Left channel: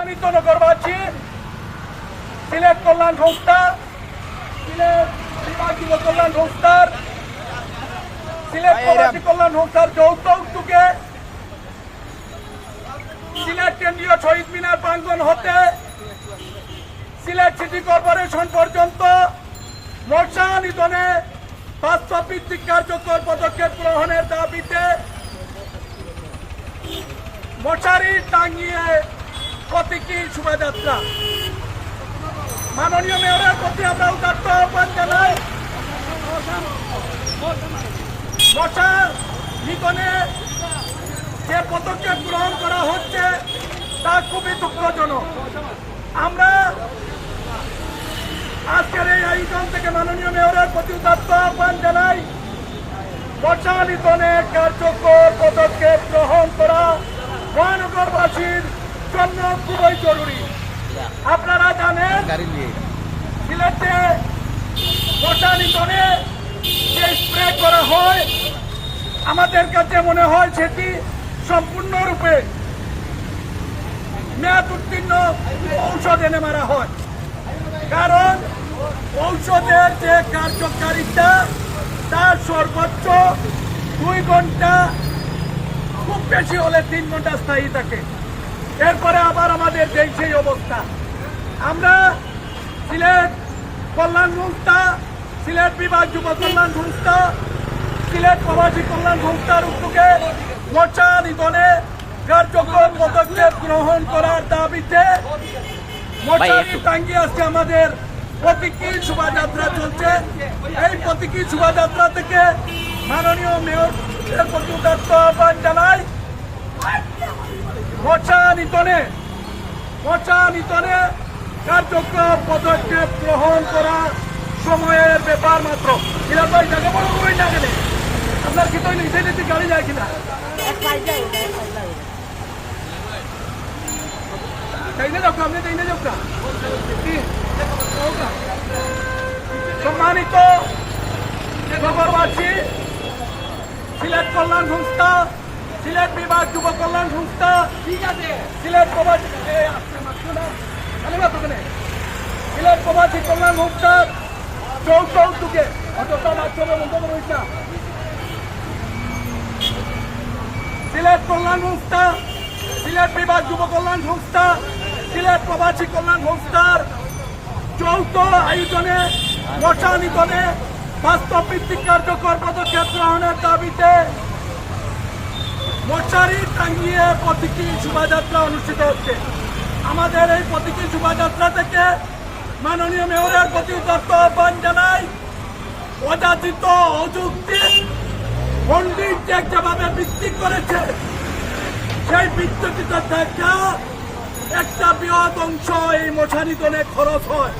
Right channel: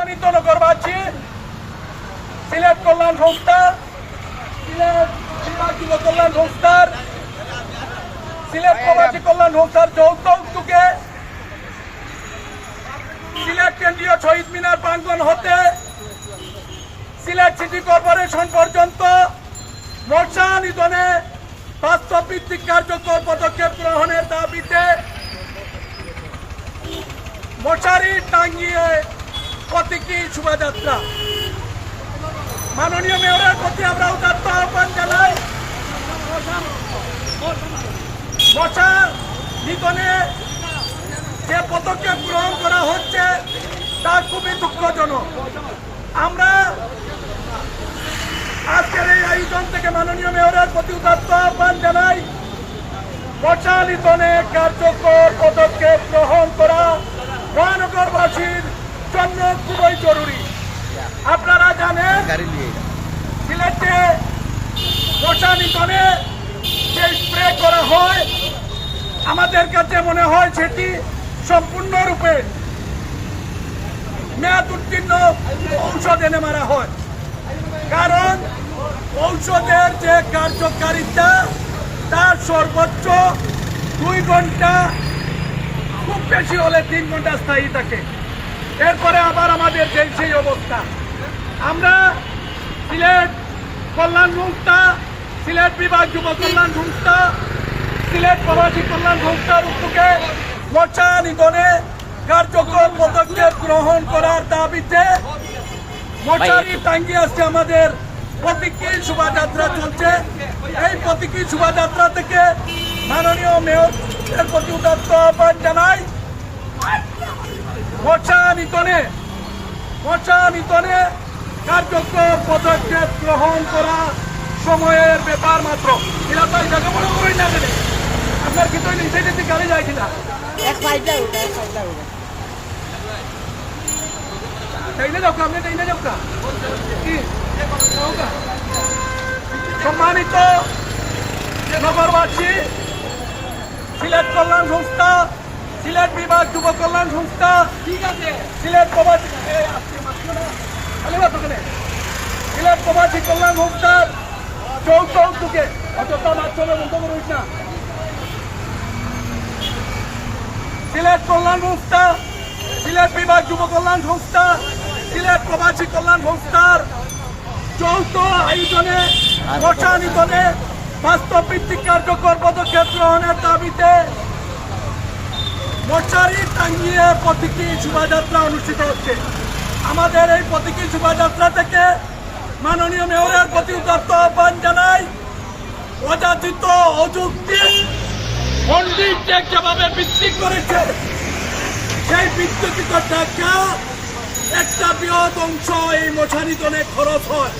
সম্মানিত নগরবাসী সিলেট কল্যাণ সংস্থা সিলেট যুব কল্যাণ সংস্থার। সিলেট প্রবাসী কল্যাণ সংস্থার যৌথ উদ্যোগে সিলেট কেন্দ্রীয় শহীদ মিনার প্রাঙ্গন হতে সিলেট সিটি কর্পোরেশন পর্যন্ত মোর্চা নিধনে বাস্তব ভিত্তিক কার্যকর পদক্ষেপ গ্রহণের দাবিতে মোচারি টাঙ্গিয়ে প্রতীকী শোভাযাত্রা? মাননীয় মেয়রের প্রতি আমরা উদাত্ত আহ্বান জানাই। মশার নিধনে যে পদক্ষেপ গ্রহণ করা হচ্ছে, তা খুবই দুঃখজনক। আমরা আজকের এই আয়োজন থেকে মাননীয় মেয়রের প্রতি উদাত্ত আহ্বান জানাই। মশালিতনে কার্যকর পদক্ষেপ গ্রহণ করা মহানগরবাসীর জন্য খুবই জরুরি আপনারা জানেন সিলেটে মশা নিধনে যে স্প্রে করা হয়, আমাদের কাছে মনে হয় সেটি সম্পূর্ণরূপে মেয়াদ উত্তীর্ণ ঔষধ এনে মারা হয়। কারণ ঔষধের যে কার্যকারিতা তার সর্বোচ্চ দুই ঘণ্টা, খুব বেশি হলে তিন ঘণ্টা স্থায়ী থাকে। এরপরে আবার আমাদের সেই অবস্থা। আমরা সিলেট কল্যাণ সংস্থা, সিলেট বিভাগ যুব কল্যাণ সংস্থা, সিলেট প্রবাসী কল্যাণ সংস্থার উদ্যোগে মোর্চা নিধনে কার্যকর পদক্ষেপ গ্রহণ করার দাবিতে মোর্চারি টাঙ্গি আজকে আমাদের প্রতীকী শোভাযাত্রা চলছে। এই প্রতীকী শোভাযাত্রা থেকে মাননীয় মেয়র প্রতি উদাত্ত আহ্বান জানাই। মোর্চা নিতনে মোর্চা নিতনে কার্যক্রম পদক্ষেপ গ্রহণ করা সময়ের ব্যাপার মাত্র। এরা তো জায়গা বড় করে না গেলে আপনার কি তো নিচে নিতে গাড়ি যায় কিনা? সম্মানিত নগরবাসী সিলেট কল্যাণ সংস্থা সিলেট বিভাগ যুব কল্যাণ সংস্থা ঠিক আছে। সিলেট প্রবাসী সিলেট কল্যাণ সংস্থা সিলেট বিভাগ যুব কল্যাণ সংস্থা সিলেট প্রবাসী কল্যাণ সংস্থার যৌথ আয়োজনে নিধনে বাস্তব ভিত্তিক কার্যকর পদক্ষেপ গ্রহণের দাবিতে মশারি টাঙ্গিয়ে প্রতীকী শোভাযাত্রা অনুষ্ঠিত হচ্ছে। আমাদের এই প্রতীকী শোভাযাত্রা থেকে মাননীয় মেয়রের প্রতি দত্ত আহ্বান জানাই অযাচিত অযুক্তি পণ্ডিত ট্যাগ যেভাবে বৃদ্ধি করেছে, সেই বিদ্যুতিত একটা বৃহৎ অংশ এই মশারিতনে খরচ হয়।